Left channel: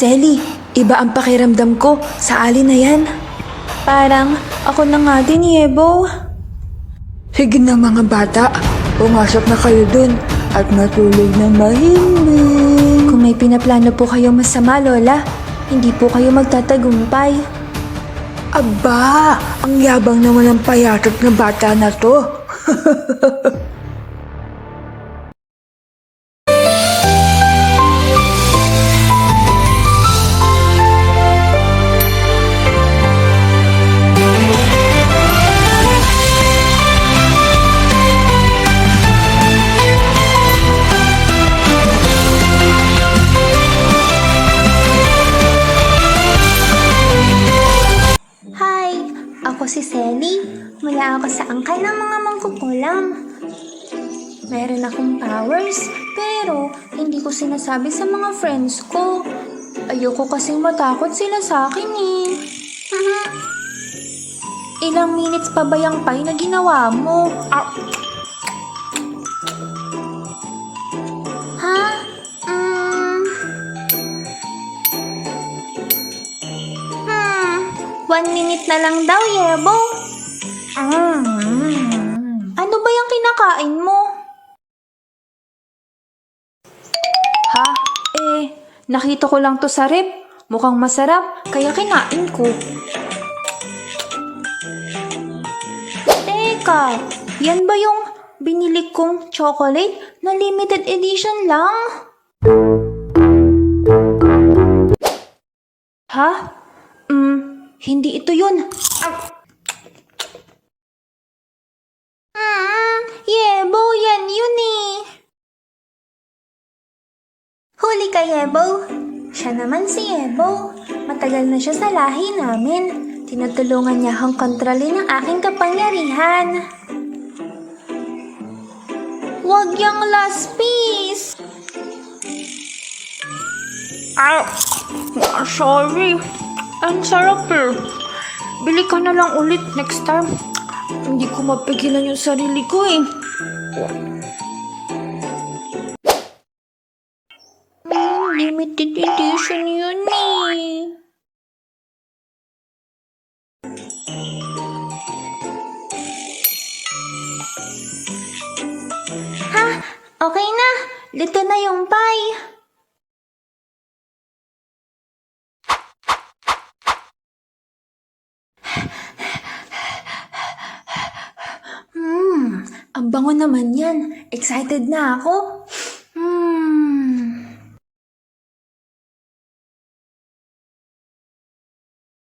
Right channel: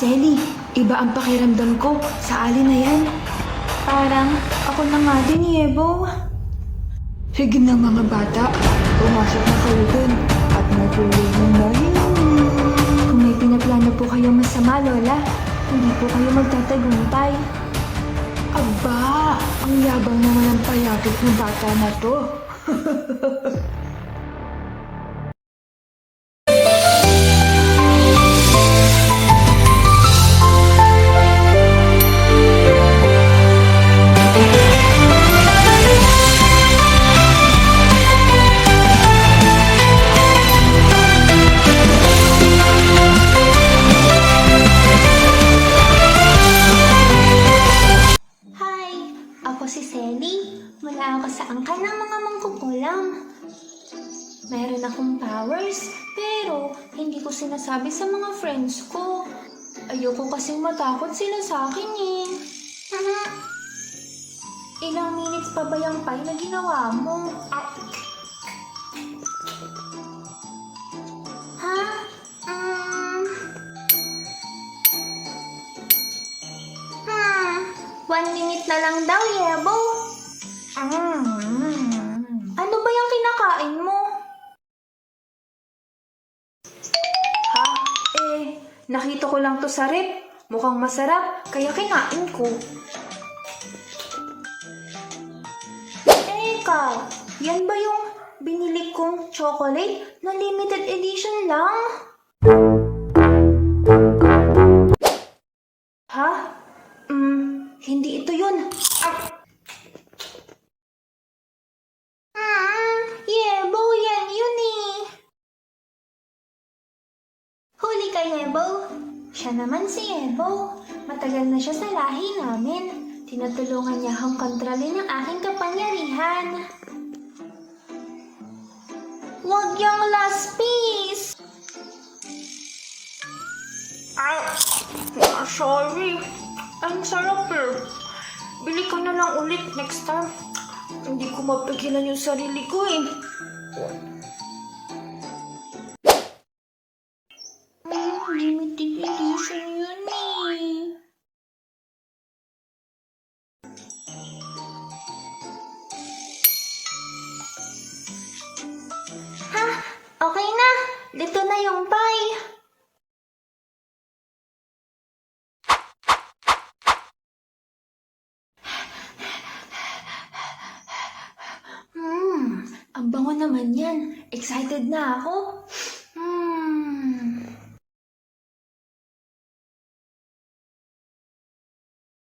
Selly, iba ang pakiramdam ko sa alin na yan. Parang ako na nga din, Yebo. Sige na mga bata, pumasok na kayo dun at matulog ng mahimik. Kung may pinaplano po kayong masama, Lola, hindi po kayo magtatagumpay. Aba, ang yabang naman ng payatot ng bata na to. Hi! Ako si Selly. Mula ako sa angkan ng mga mangkukulam. Meron akong powers, pero hindi ko sinasabi sa mga friends ko. Ayoko kasing matakot sila sa akin eh. Ilang minutes pa ba yung pie na ginawa mo? Ha? 1 minute na lang daw, Yebo. Ano ba yung kinakain mo? Ha? Nakita ko lang to sa rep. Mukhang masarap, kaya kinain ko. Teka, yan ba yung binili kong chocolate na limited edition lang? Ha? Hindi ito yun. Yebo, yan yun eh. Huli ka, Yebo. Siya naman si Yebo. Matagal na siya sa lahi namin. Tinutulungan niya akong kontrolin ang aking kapangyarihan. Huwag yung last piece. Sorry. Ang sarap eh. Bili ka na lang ulit next time. Hindi ko mapigilan yung sarili ko eh. Limited edition yun eh. Ha? Okay na. Luto na yung pie. Ang bango naman yan. Excited na ako.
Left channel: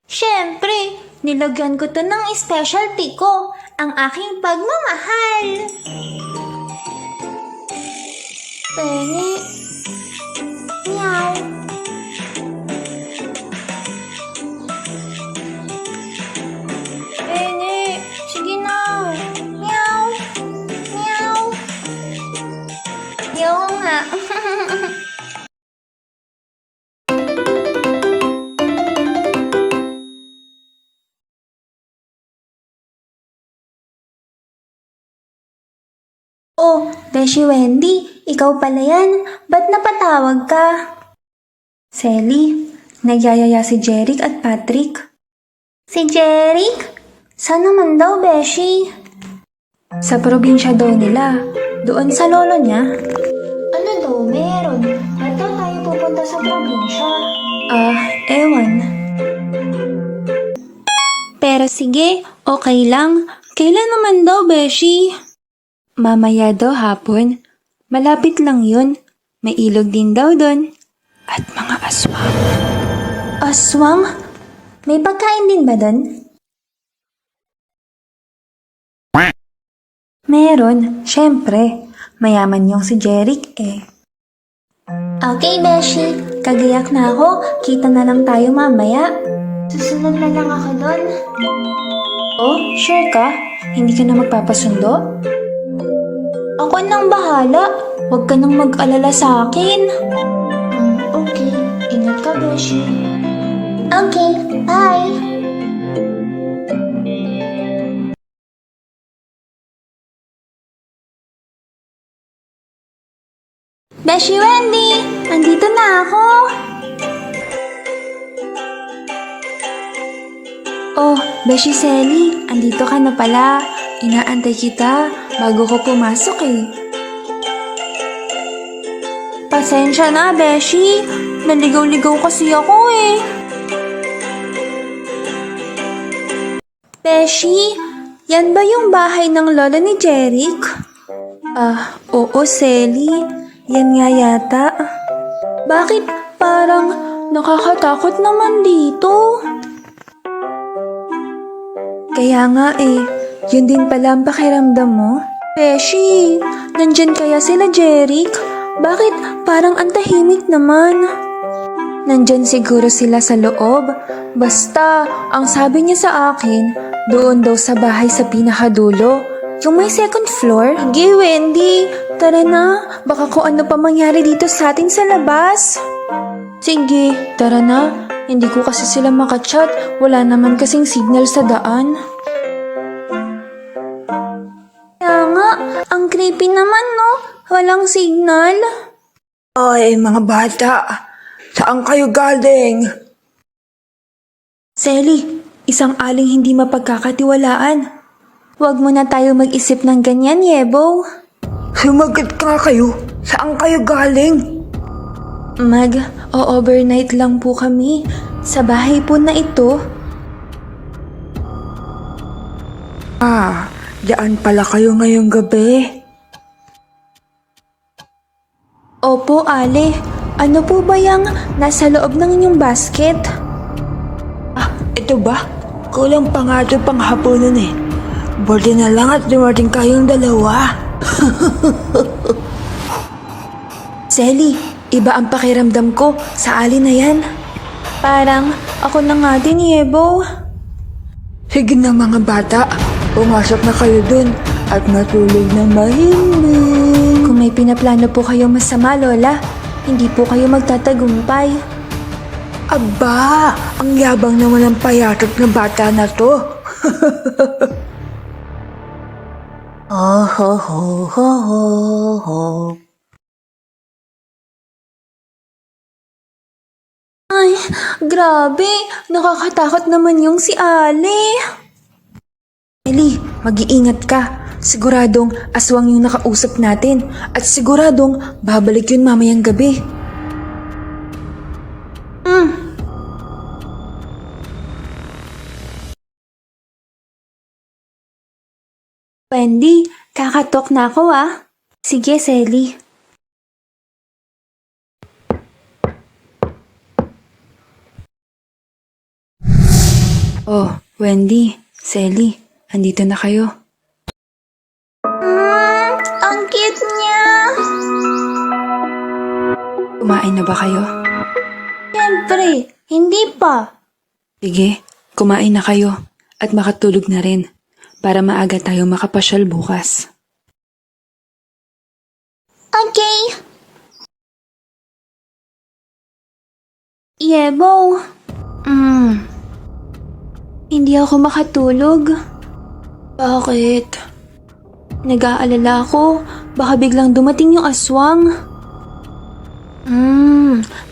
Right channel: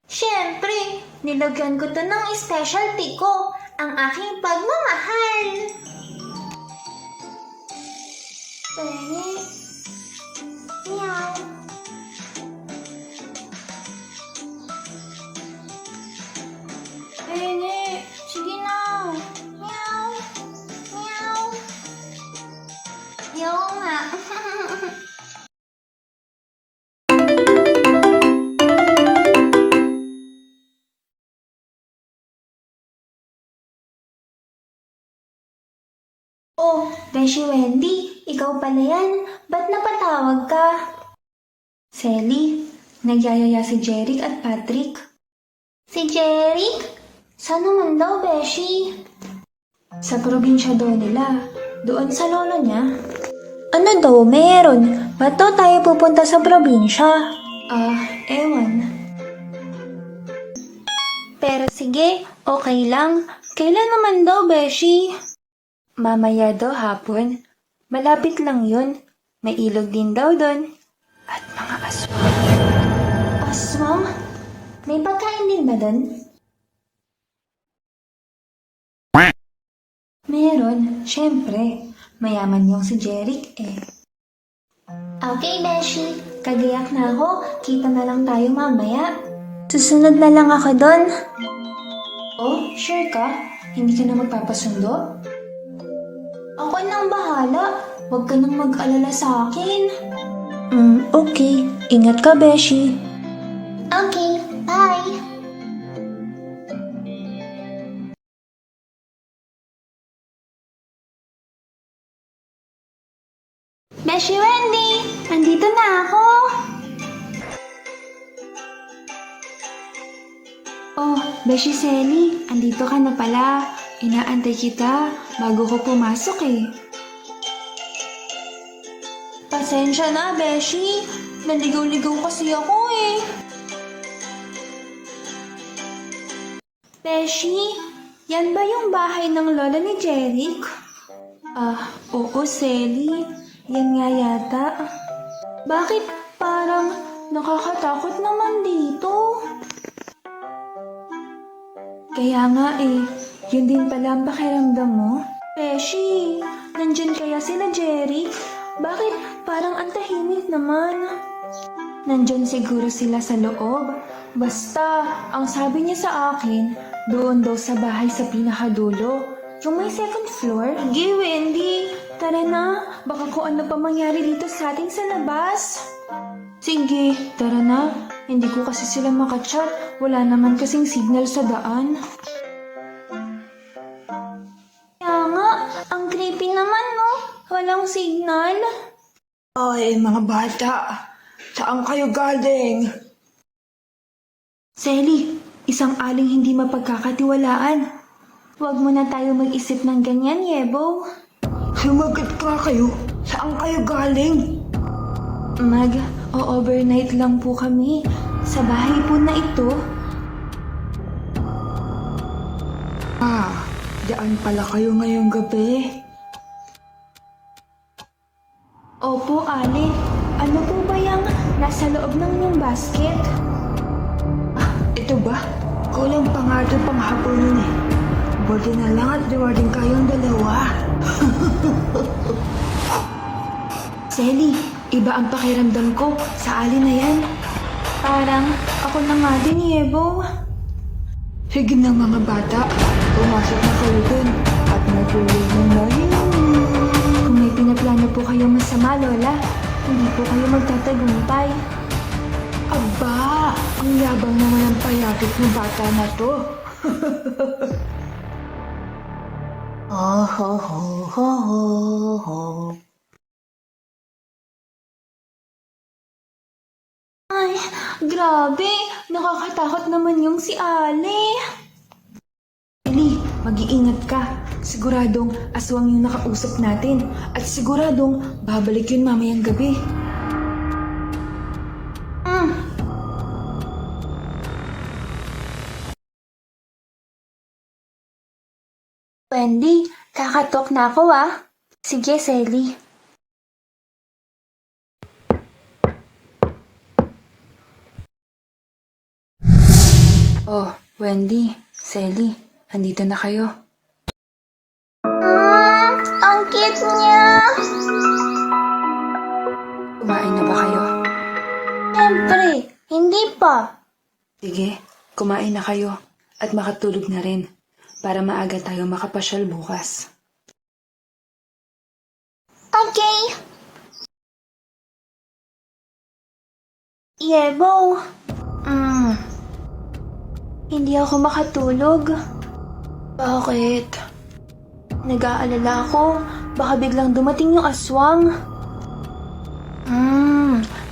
Siyempre, nilagyan ko to ng specialty ko, ang aking pagmamahal. Pengi. Meow. Pengi, sige na. Meow. Meow. Ayaw nga. Oh, Beshi Wendy, ikaw pala yan. Ba't napatawag ka? Selly, nagyayaya si Jeric at Patrick. Si Jeric? Saan naman daw, Beshi? Sa probinsya daw nila. Doon sa lolo niya. Ano daw meron? Ba't daw tayo pupunta sa probinsya? Ewan. Pero sige, okay lang. Kailan naman daw, Beshi? Mamaya daw hapon. Malapit lang yun. May ilog din daw doon. At mga aswang. Aswang? May pagkain din ba doon? Meron, syempre. Mayaman yung si Jeric eh. Okay, Beshi. Kagayak na ako. Kita na lang tayo mamaya. Susunod na lang ako doon. Oh, sure ka? Hindi ka na magpapasundo? Ako nang bahala. Huwag ka nang mag-alala sa akin. Okay. Ingat ka, Beshi. Okay, bye. Beshi Wendy, nandito na ako. Beshi Selly, andito ka na pala. Inaantay kita bago ko pumasok eh. Pasensya na, Beshi. Naligaw-ligaw kasi ako eh. Beshi, yan ba yung bahay ng lola ni Jeric? Oo, Selly. Yan nga yata. Bakit parang nakakatakot naman dito? Kaya nga eh, yun din pala ang pakiramdam mo? Beshi, nandyan kaya sila Jeric? Bakit parang ang tahimik naman? Nandyan siguro sila sa loob. Basta, ang sabi niya sa akin, doon daw sa bahay sa pinakadulo. Yung may second floor? Sige, Wendy. Tara na. Baka kung ano pa mangyari dito sa atin sa labas. Sige, tara na. Hindi ko kasi sila makachat. Wala naman kasing signal sa daan. Kaya nga, ang creepy naman, no? Walang signal. Ay, mga bata, saan kayo galing? Selly, isang aling hindi mapagkakatiwalaan. Huwag mo na tayo mag-isip ng ganyan, Yebo. Sumagot ka kayo, saan kayo galing? Mag-overnight lang po kami sa bahay po na ito. Diyan pala kayo ngayong gabi. Opo, Ale. Ano po ba yung nasa loob ng inyong basket? Ito ba? Kulang pa nga ito pang hapunan eh. Buti na lang at dumating kayong dalawa. Selly, iba ang pakiramdam ko sa Ali na yan. Parang ako na nga din, Yebo. Sige na mga bata, pumasok na kayo dun at matulog ng mahimik. Kung may pinaplano po kayo masama, Lola, hindi po kayo magtatagumpay. Aba, ang yabang naman ng payatot ng bata na to. Oh, ho, ho, ho, ho, ho. Ay, grabe. Nakakatakot naman yung si Ale. Ellie, mag-iingat ka. Siguradong aswang yung nakausap natin. At siguradong babalik yun mamayang gabi. Wendy, kakatok na ako ah. Sige, Selly. Oh, Wendy, Selly, andito na kayo. Ang cute niya. Kumain na ba kayo? Siyempre, hindi pa. Sige, kumain na kayo at makatulog na rin para maaga tayo makapasyal bukas. Okay. Yebo. Hindi ako makatulog. Bakit? Nag-aalala ako. Baka biglang dumating yung aswang.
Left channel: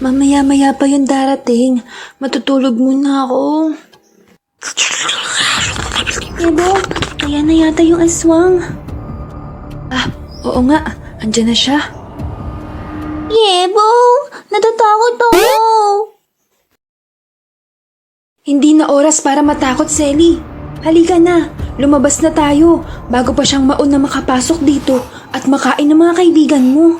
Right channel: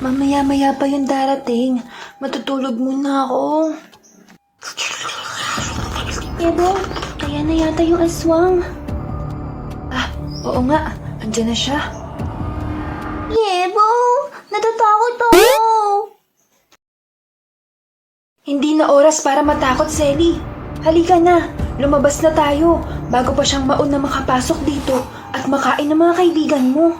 Mamaya-maya pa yung darating. Matutulog muna ako. Yebo, kaya na yata yung aswang. Oo nga, andyan na siya. Yebo, natatakot ako. Hindi na oras para matakot, Selly. Halika na, lumabas na tayo bago pa siyang mauna makapasok dito at makain ng mga kaibigan mo.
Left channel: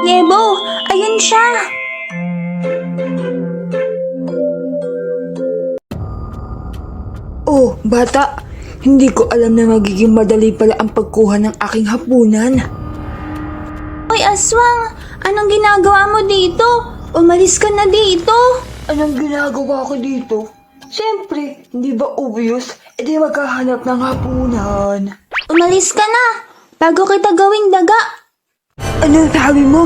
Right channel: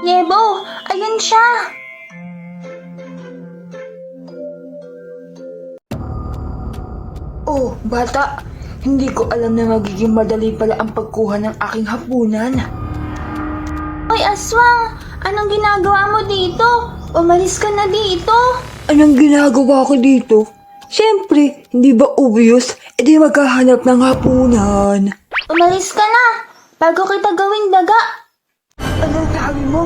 Yebo, ayun siya. Oh, bata, hindi ko alam na magiging madali pala ang pagkuha ng aking hapunan. Hoy, aswang, anong ginagawa mo dito? Umalis ka na dito. Anong ginagawa ko dito? Siyempre, hindi ba obvious? E di maghahanap ng hapunan. Umalis ka na, bago kita gawing daga. Anong sabi mo?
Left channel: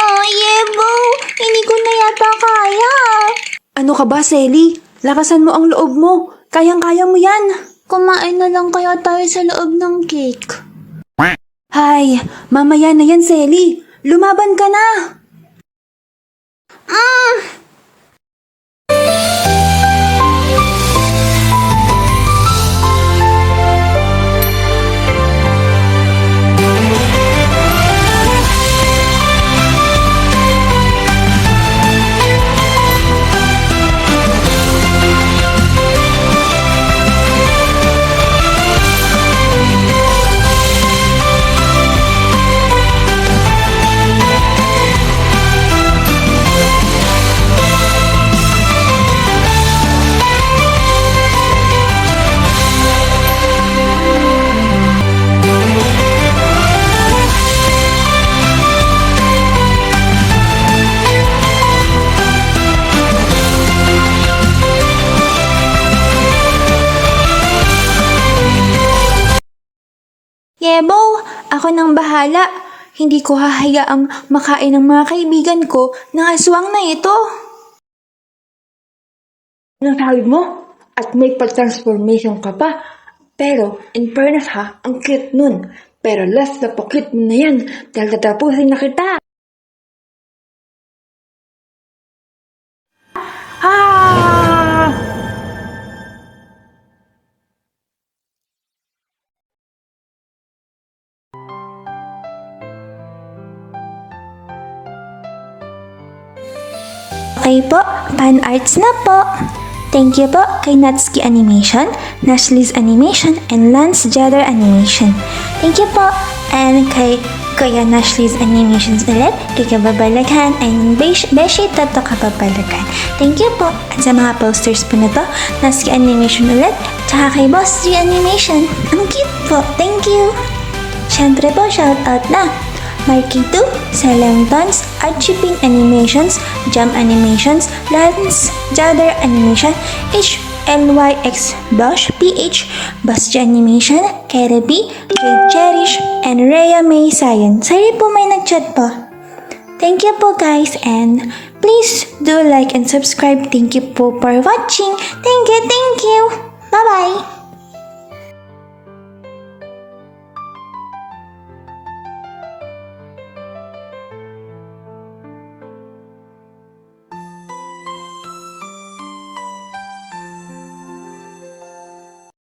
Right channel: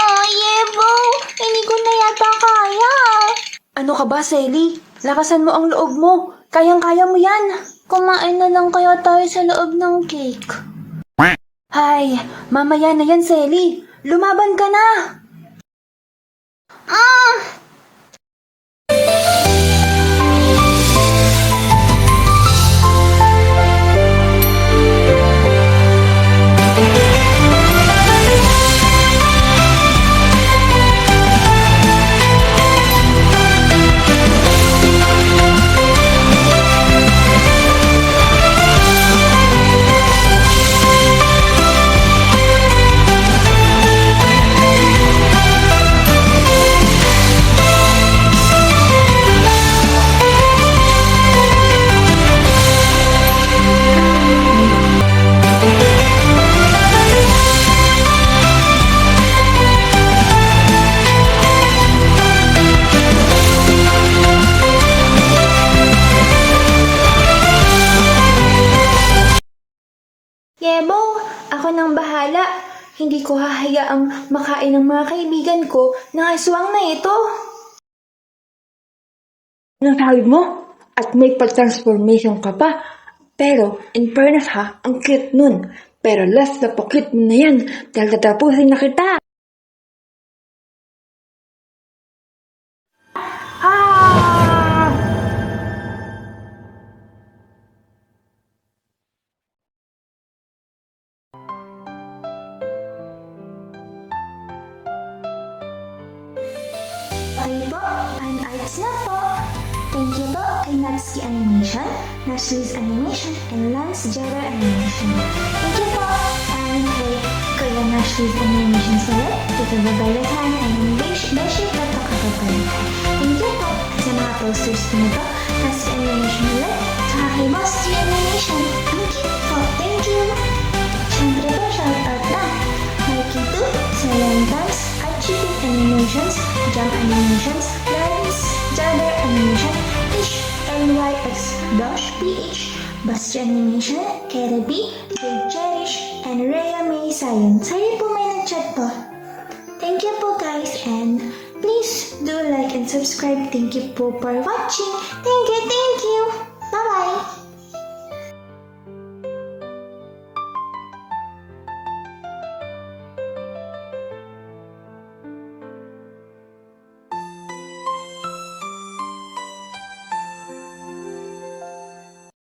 Oh, Yebo, hindi ko na yata kaya. Ano ka ba, Selly? Lakasan mo ang loob mo. Kayang-kaya mo yan. Kumain na lang kaya tayo sa loob ng cake. Hay, mamaya na yan, Selly. Lumaban ka na. Yebo, ako nang bahala. Hindi ko hahayaang makain ng mga kaibigan ko ng aswang na ito. Nasabi mo? At may pag-transformation ka pa. Pero, in fairness ha, ang cute nun. Pero last na po-cute mo na yan dahil tatapusin na kita. Ah! Okay po, fan arts na po. Thank you po kay Natsuki Animation, Nashli's Animation, and Lance Jadder Animation. Thank you po. And kay Kuya Nashli's Animations ulit, kay Kababalaghan, and Beshi Toto Kababalaghan. Thank you po. At sa mga posters po na to, Natsuki Animation ulit, tsaka kay Boss G Animation. Ang cute po. Thank you. Siyempre po, shoutout na. Marky 2, Salentons, Archiping Animations, Jam Animations, Lance Jadder Animation, HLYX Dosh PH, Basja Animation, Kerebi, Jade Cherish, and Rhea May Sayan. Sorry po may nag-chat po. Thank you po guys, and please do like and subscribe. Thank you po for watching. Thank you. Bye-bye.